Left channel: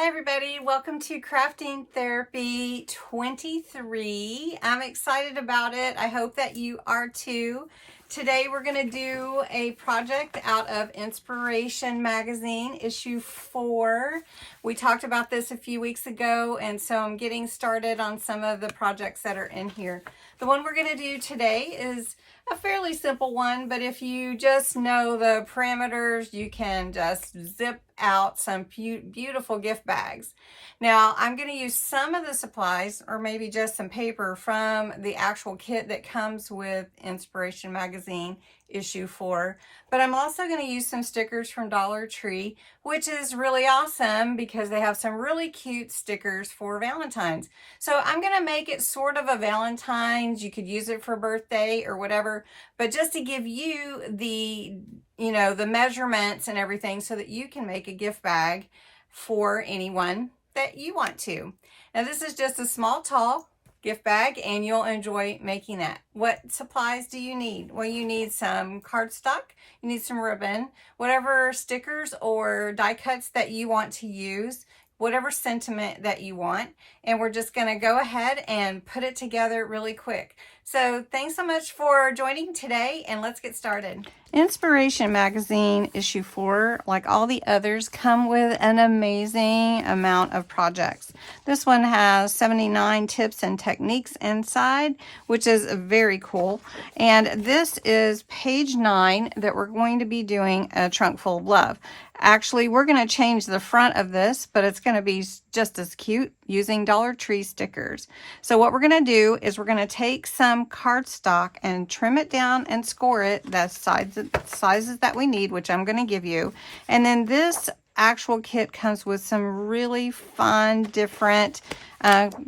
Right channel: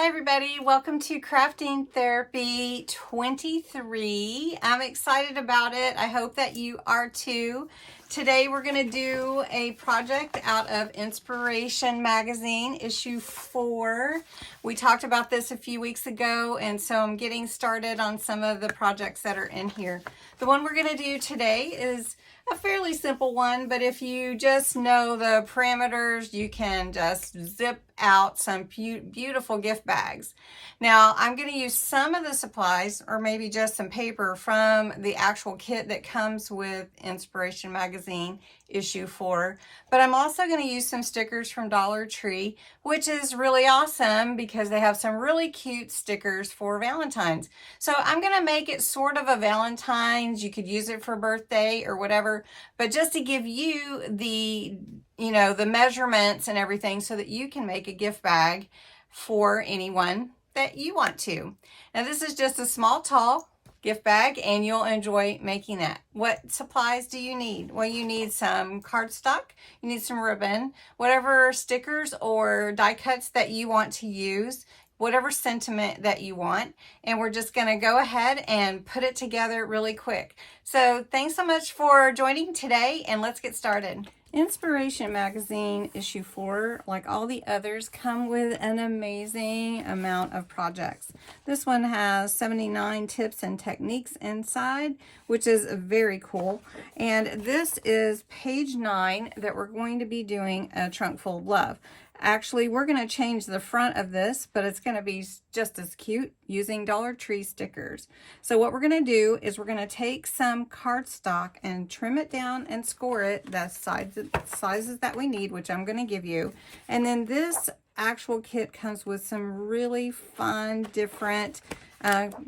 Hi everybody, welcome to Crafting Therapy 23. I'm excited about it. I hope that you are too. Today we're going to do a project out of Inspiration Magazine, issue 4. We talked about this a few weeks ago, and so I'm getting started on some of the projects that are in here. The one we're going to do today is a fairly simple one, but if you just know the parameters, you can just zip out some beautiful gift bags. Now, I'm going to use some of the supplies, or maybe just some paper from the actual kit that comes with Inspiration Magazine issue 4, but I'm also going to use some stickers from Dollar Tree, which is really awesome because they have some really cute stickers for Valentines. So I'm going to make it sort of a Valentine's. You could use it for birthday or whatever, but just to give you the measurements and everything so that you can make a gift bag for anyone that you want to. Now this is just a small, tall gift bag, and you'll enjoy making that. What supplies do you need? Well, you need some cardstock, you need some ribbon, whatever stickers or die cuts that you want to use, whatever sentiment that you want, and we're just going to go ahead and put it together really quick. So thanks so much for joining today, and let's get started. Inspiration Magazine issue 4, like all the others, come with an amazing amount of projects. This one has 79 tips and techniques inside, which is very cool. And this is page 9 that we're going to be doing a trunk full of love. Actually, we're going to change the front of this, but it's going to be just as cute using Dollar Tree stickers. So what we're going to do is we're going to take some cardstock and trim it down and score it the sizes that we need, which I'm going to give you. And then this actual kit comes with some really fun, different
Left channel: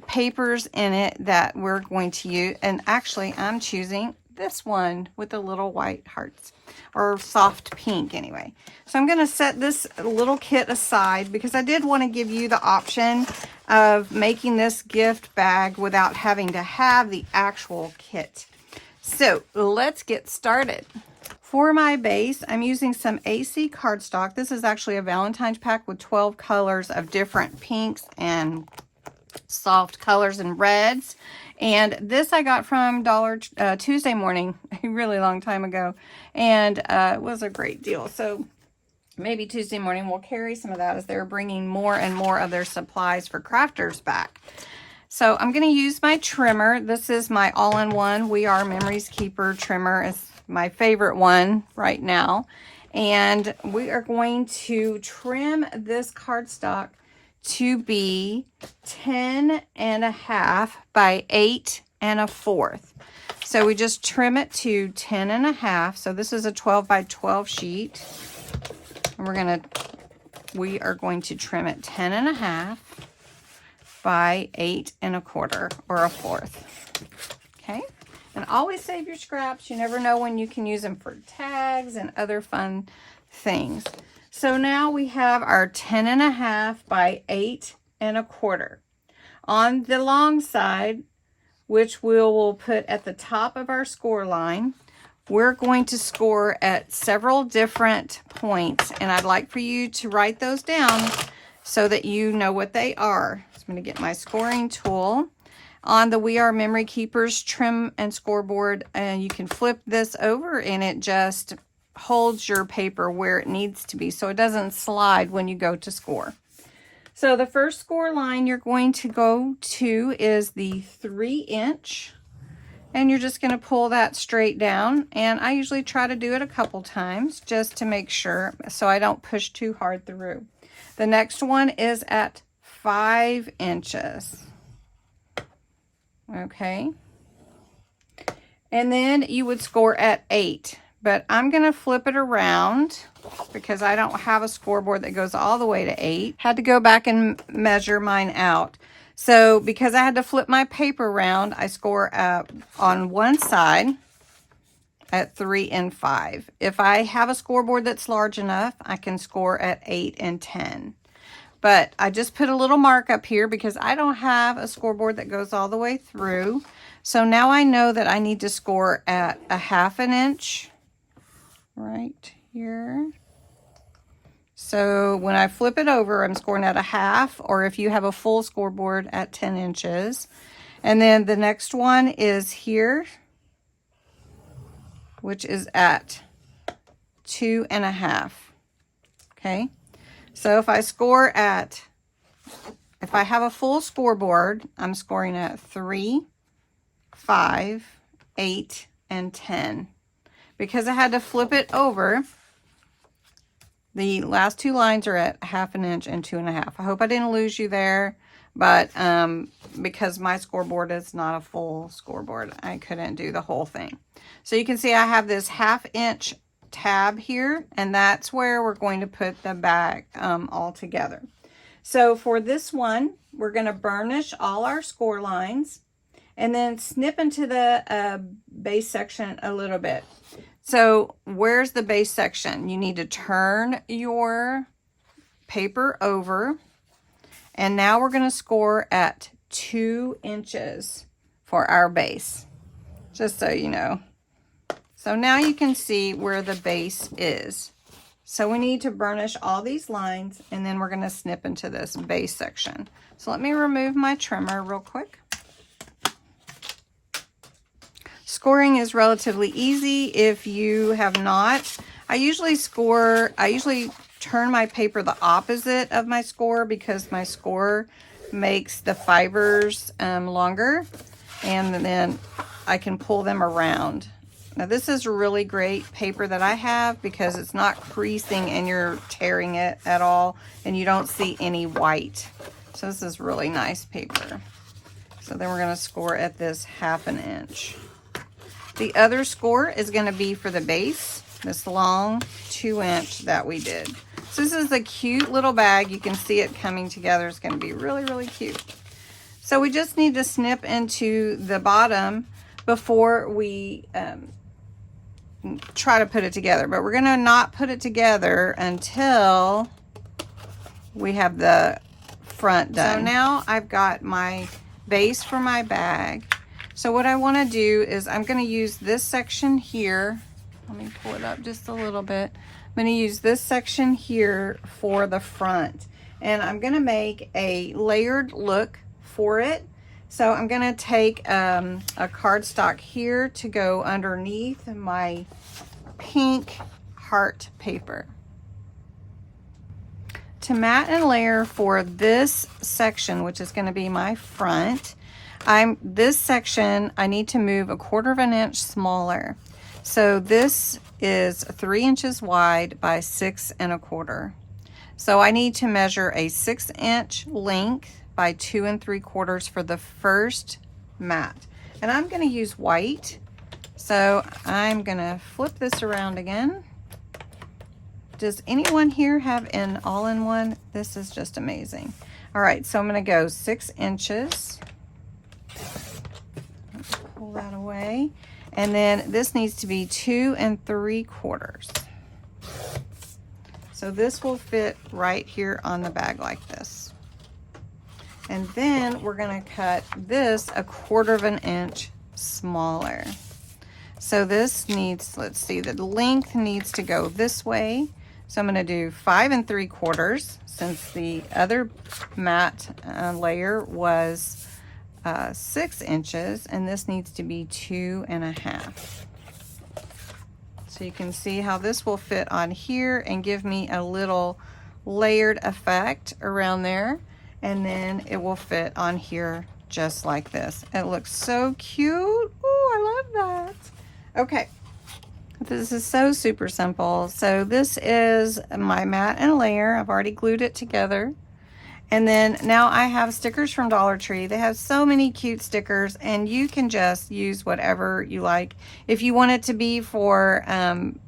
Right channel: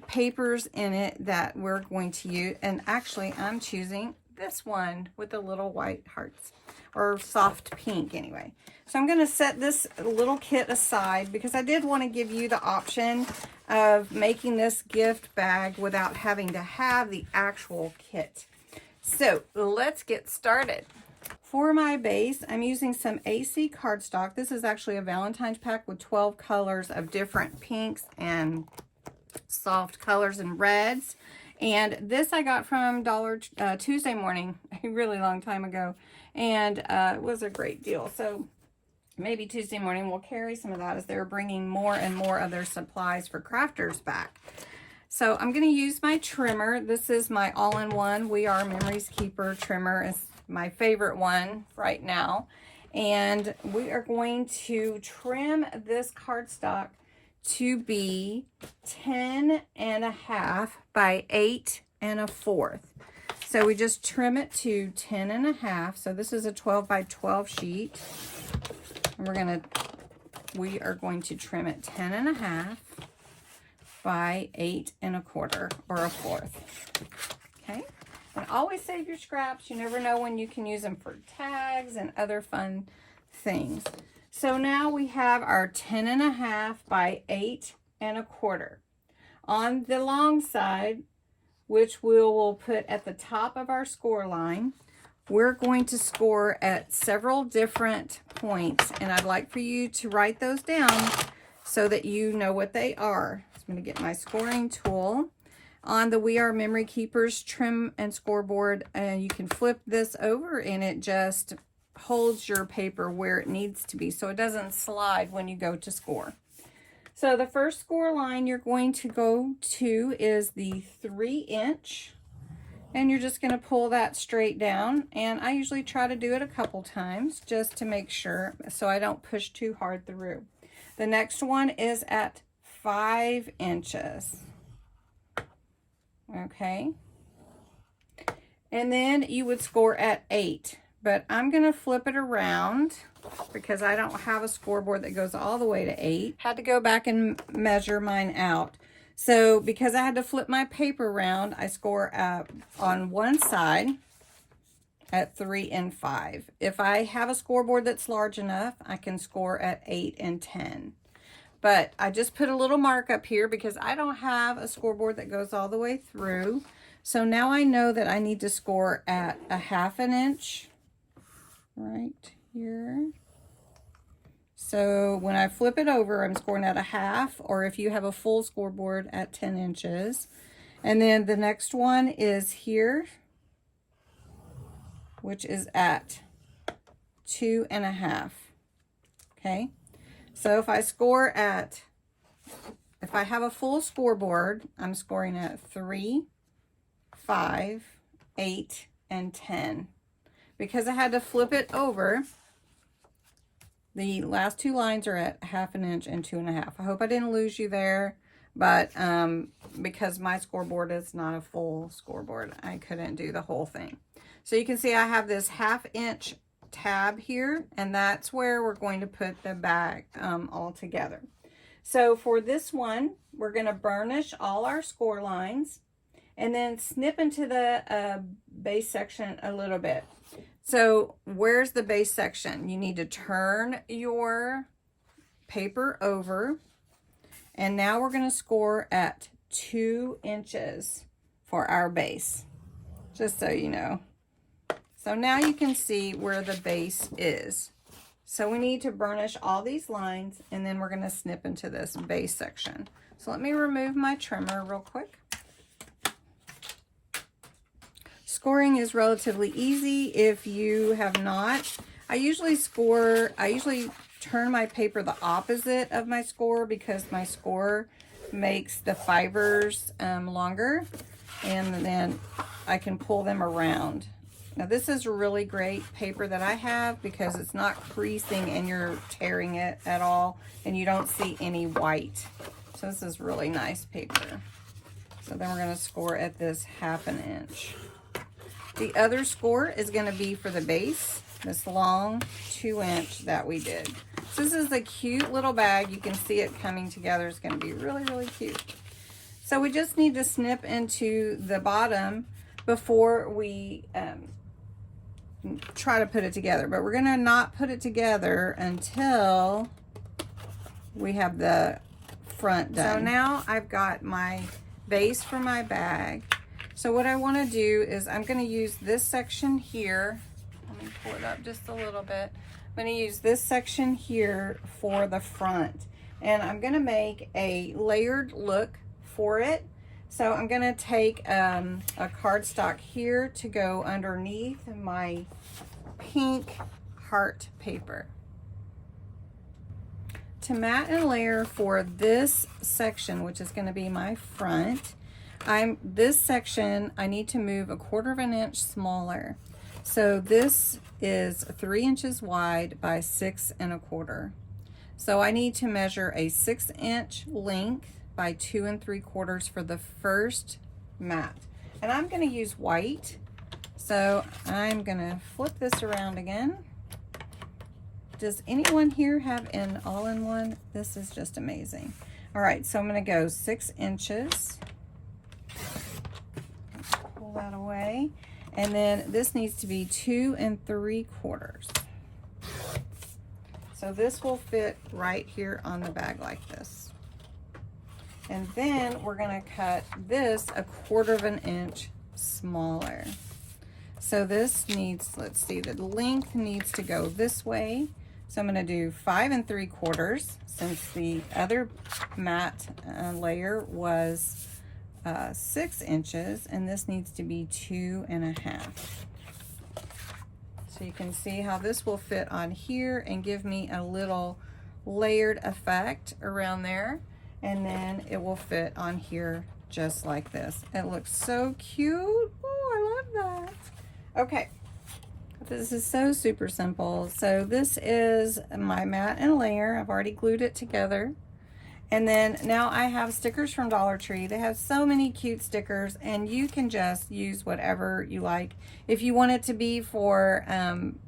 papers in it that we're going to use. And actually, I'm choosing this one with the little white hearts, or soft pink anyway. So I'm going to set this little kit aside because I did want to give you the option of making this gift bag without having to have the actual kit. So let's get started. For my base, I'm using some AC cardstock. This is actually a Valentine's pack with 12 colors of different pinks and soft colors and reds. And this I got from Tuesday morning, a really long time ago, and it was a great deal. So maybe Tuesday morning we'll carry some of that as they're bringing more and more of their supplies for crafters back. So I'm going to use my trimmer. This is my all-in-one We Are Memories Keeper trimmer. It's my favorite one right now. And we are going to trim this cardstock to be 10.5 by 8 1/4. So we just trim it to 10.5. So this is a 12 by 12 sheet. And we are going to trim it 10.5 by 8 1/4 or 1/4. Okay. And always save your scraps. You never know when you can use them for tags and other fun things. So now we have our 10.5 by 8 1/4. On the long side, which we'll put at the top of our score line, we're going to score at several different points. And I'd like for you to write those down so that you know what they are. So I'm going to get my scoring tool. On the We Are Memory Keepers trim and scoreboard, and you can flip this over and it just holds your paper where it needs to be so it doesn't slide when you go to score. So the first score line you're going to go to is the 3-inch, and you're just going to pull that straight down. And I usually try to do it a couple times just to make sure so I don't push too hard through. The next one is at 5 inches. Okay. And then you would score at 8. But I'm going to flip it around because I don't have a scoreboard that goes all the way to 8. Had to go back and measure mine out. So because I had to flip my paper around, I score on one side at 3 and 5. If I have a scoreboard that's large enough, I can score at 8 and 10. But I just put a little mark up here because I don't have a scoreboard that goes all the way through. So now I know that I need to score at a 1/2 inch right here. So when I flip it over, I'm scoring at a half, or if you have a full scoreboard, at 10 inches. And then the next one is here, which is at 2.5. Okay. So if I have a full scoreboard, I'm scoring at 3, 5, 8, and 10. Because I had to flip it over, the last two lines are at 1/2 inch and 2.5. I hope I didn't lose you there, but because my scoreboard is not a full scoreboard, I couldn't do the whole thing. So you can see I have this 1/2 inch tab here, and that's where we're going to put the bag all together. So for this one, we're going to burnish all our score lines and then snip into the base section a little bit. So where's the base section? You need to turn your paper over, and now we're going to score at 2 inches for our base, just so you know. So now you can see where the base is. So we need to burnish all these lines, and then we're going to snip into this base section. So let me remove my trimmer real quick. Scoring is relatively easy if you have not. I usually turn my paper the opposite of my score, because my score makes the fibers longer, and then I can pull them around. Now this is really great paper that I have, because it's not creasing and you're tearing it at all, and you don't see any white. So this is really nice paper. So then we're going to score at this 1/2 inch. The other score is going to be for the base, this long 2 inch that we did. So this is a cute little bag. You can see it coming together. It's going to be really, really cute. So we just need to snip into the bottom before we try to put it together, but we're going to not put it together until we have the front done. So now I've got my base for my bag. So what I want to do is I'm going to use this section here. Let me pull it up just a little bit. I'm going to use this section here for the front, and I'm going to make a layered look for it. So I'm going to take a cardstock here to go underneath my pink heart paper. To mat and layer for this section, which is going to be my front, this section I need to move 1/4 inch smaller. So this is 3 inches wide by 6 1/4. So I need to measure a 6 inch length by 2 3/4 for the first mat. And I'm going to use white. So I'm going to flip this around again. Does anyone here have an all-in-one? This is just amazing. All right, so I'm going to go 6 inches. Pull that away. And then this needs to be 2 3/4. So this will fit right here on the bag like this. And then we're going to cut this 1/4 inch smaller. So this needs, let's see, the length needs to go this way. So I'm going to do 5 3/4, since the other mat layer was 6 inches, and this needs to be 2 1/2. So you can see how this will fit on here and give me a little layered effect around there. And then it will fit on here just like this. It looks so cute. Oh, I love that. Okay. This is so super simple. So this is my mat and layer. I've already glued it together. And then now I have stickers from Dollar Tree. They have so many cute stickers, and you can just use whatever you like. If you want it to be for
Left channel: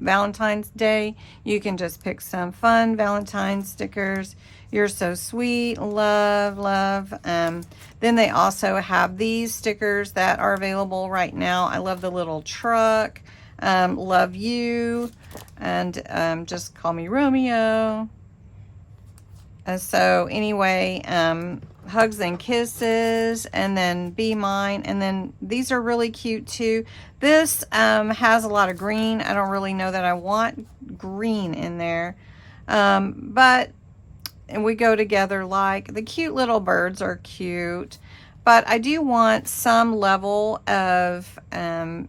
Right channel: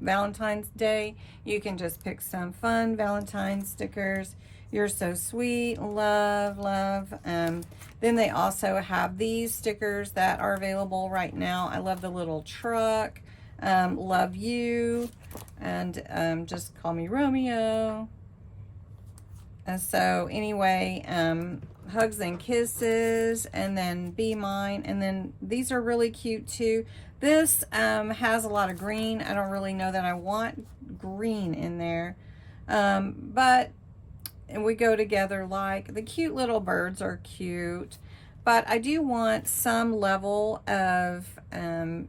Valentine's Day, you can just pick some fun Valentine's stickers. You're so sweet, love, love. Then they also have these stickers that are available right now. I love the little truck, love you, and just call me Romeo. So anyway, hugs and kisses, and then be mine. And then these are really cute too. This has a lot of green. I don't really know that I want green in there. But and we go together like the cute little birds are cute, but I do want some level of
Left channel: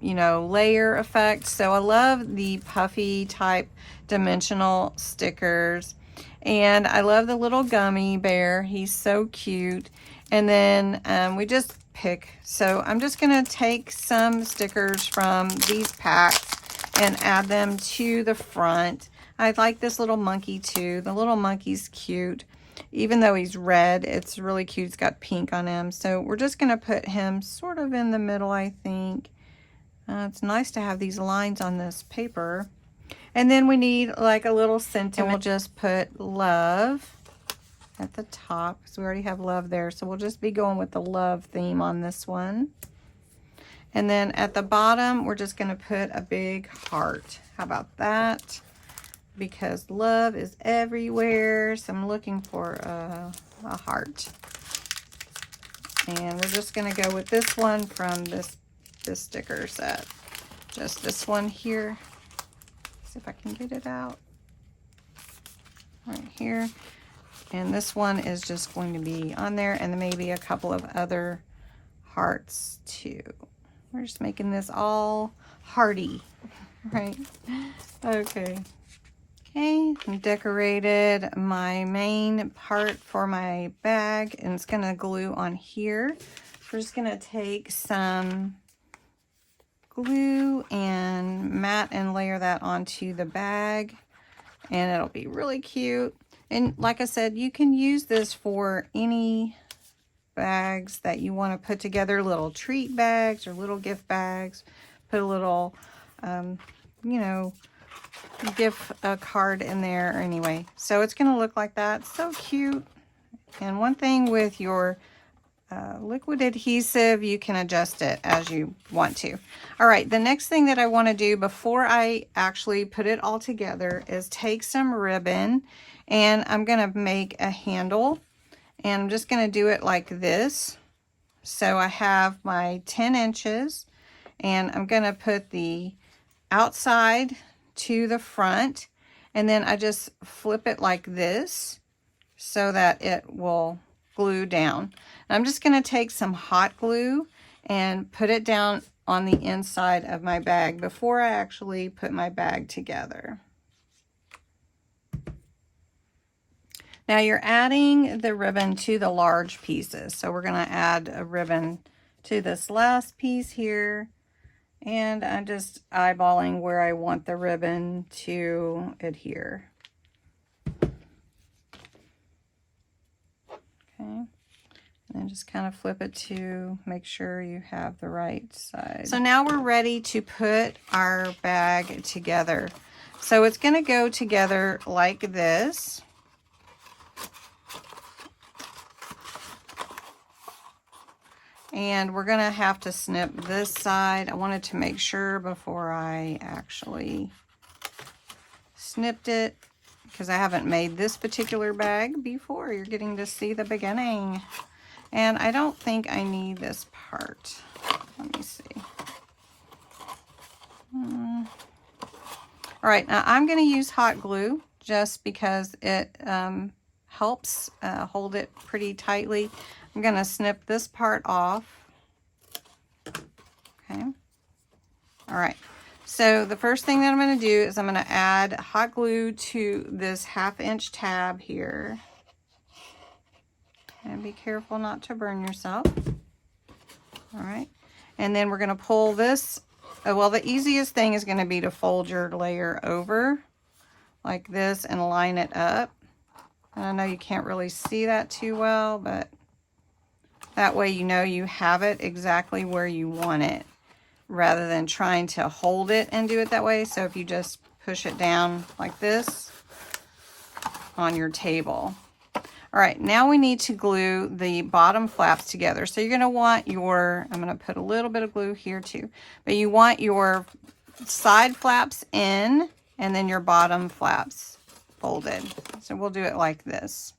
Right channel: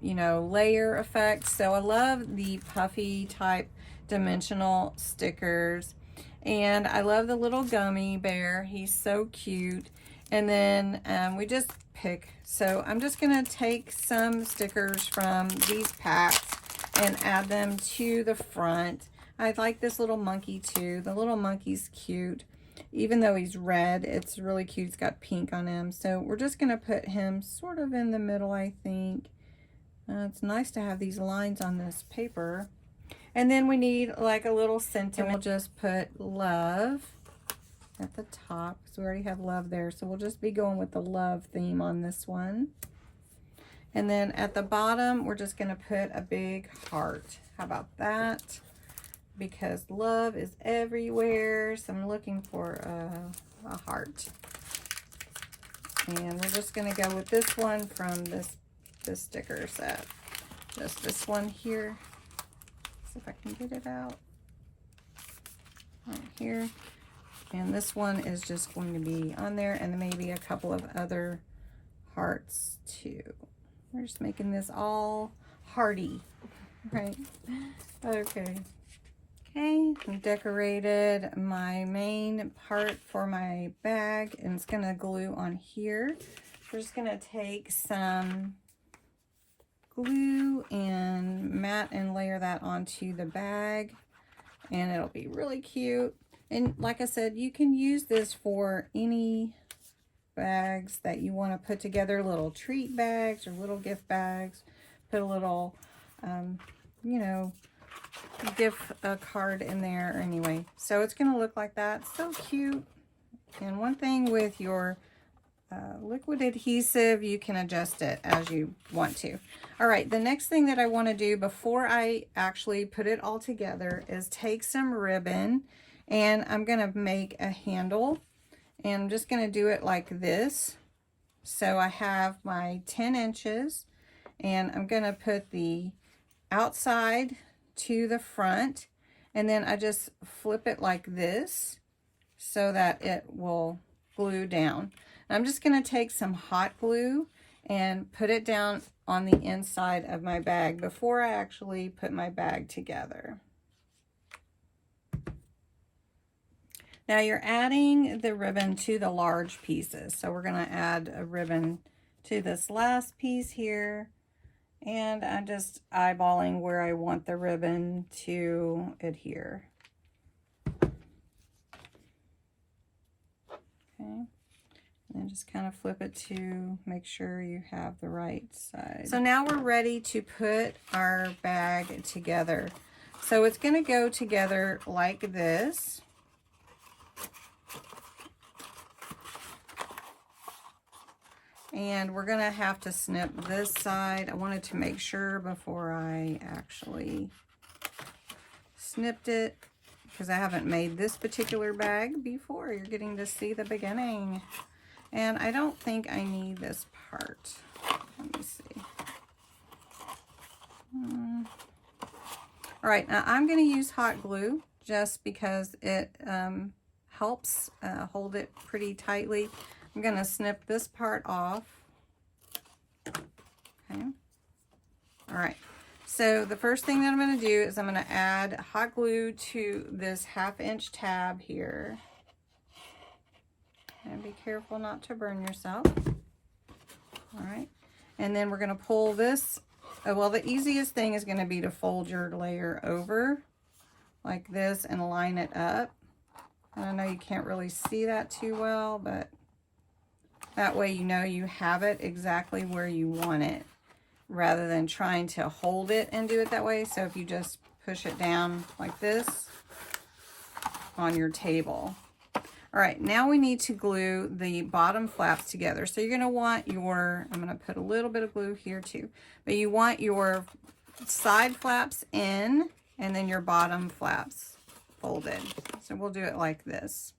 you know, layer effect. So I love the puffy type dimensional stickers, and I love the little gummy bear. He's so cute. And then we just pick, so I'm just gonna take some stickers from these packs and add them to the front. I like this little monkey too. The little monkey's cute. Even though he's red, it's really cute. It's got pink on him. So we're just going to put him sort of in the middle, I think. It's nice to have these lines on this paper. And then we need like a little sentiment. And we'll just put love at the top, because we already have love there. So we'll just be going with the love theme on this one. And then at the bottom, we're just going to put a big heart. How about that? Because love is everywhere, so I'm looking for a heart. And we're just going to go with this one from this sticker set. Just this one here. See if I can get it out. Right here. And this one is just going to be on there, and then maybe a couple of other hearts too. We're just making this all hearty, right? Okay. Okay, I decorated my main part for my bag, and it's gonna glue on here. We're just gonna take some glue and mat and layer that onto the bag, and it'll be really cute. And like I said, you can use this for any bags that you want to put together, little treat bags or little gift bags. Put a little, you know, gift card in there anyway. So it's going to look like that. So cute. And one thing with your liquid adhesive, you can adjust it as you want to. All right, the next thing that I want to do before I actually put it all together is take some ribbon, and I'm going to make a handle, and I'm just going to do it like this. So I have my 10 inches, and I'm going to put the outside to the front, and then I just flip it like this so that it will glue down. I'm just going to take some hot glue and put it down on the inside of my bag before I actually put my bag together. Now you're adding the ribbon to the large pieces. So we're going to add a ribbon to this last piece here. And I'm just eyeballing where I want the ribbon to adhere. Okay. And then just kind of flip it to make sure you have the right side. So now we're ready to put our bag together. So it's going to go together like this. And we're going to have to snip this side. I wanted to make sure before I actually snipped it, because I haven't made this particular bag before. You're getting to see the beginning. And I don't think I need this part. Let me see. All right, now I'm going to use hot glue just because it helps hold it pretty tightly. I'm going to snip this part off. Okay. All right. So the first thing that I'm going to do is I'm going to add hot glue to this 1/2 inch tab here. And be careful not to burn yourself. All right. And then we're going to pull this. Well, the easiest thing is going to be to fold your layer over like this and line it up. And I know you can't really see that too well, but that way you know you have it exactly where you want it, rather than trying to hold it and do it that way. So if you just push it down like this on your table. All right, now we need to glue the bottom flaps together. So you're going to want your, I'm going to put a little bit of glue here too, but you want your side flaps in and then your bottom flaps folded. So we'll do it like this.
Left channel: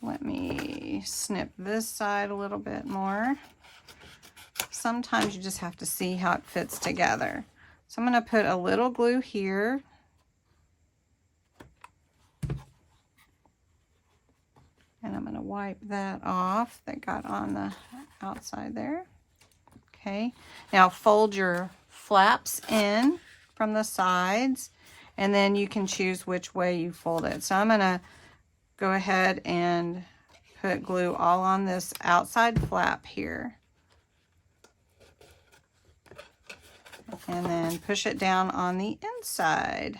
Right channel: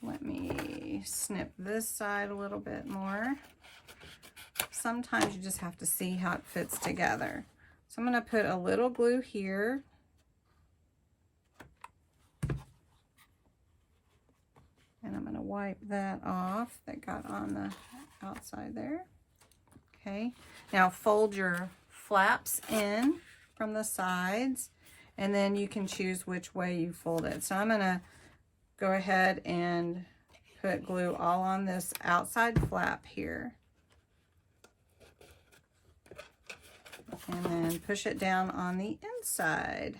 Let me snip this side a little bit more. Sometimes you just have to see how it fits together. So I'm going to put a little glue here. wipe that off that got on the outside there. Okay, now fold your flaps in from the sides, and then you can choose which way you fold it. So I'm gonna go ahead and put glue all on this outside flap here. And then push it down on the inside.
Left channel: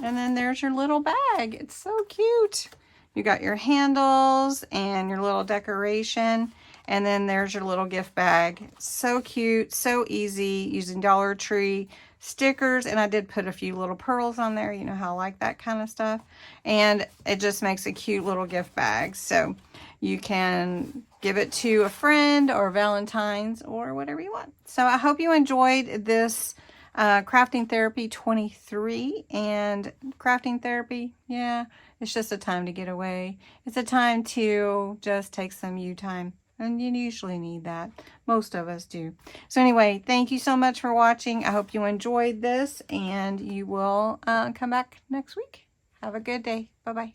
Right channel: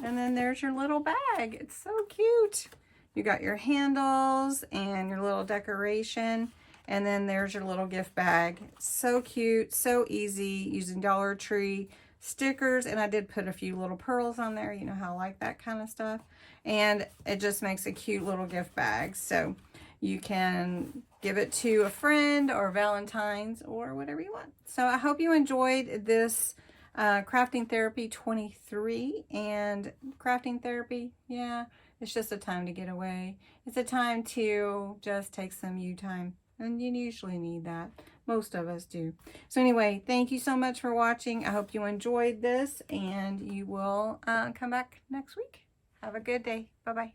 And then there's your little bag. It's so cute. You got your handles and your little decoration. And then there's your little gift bag. So cute, so easy, using Dollar Tree stickers. And I did put a few little pearls on there. You know how I like that kind of stuff. And it just makes a cute little gift bag. So you can give it to a friend or Valentines or whatever you want. So I hope you enjoyed this Crafting Therapy 23. And crafting therapy, yeah, it's just a time to get away. It's a time to just take some you time. And you usually need that. Most of us do. So anyway, thank you so much for watching. I hope you enjoyed this, and you will come back next week. Have a good day. Bye-bye.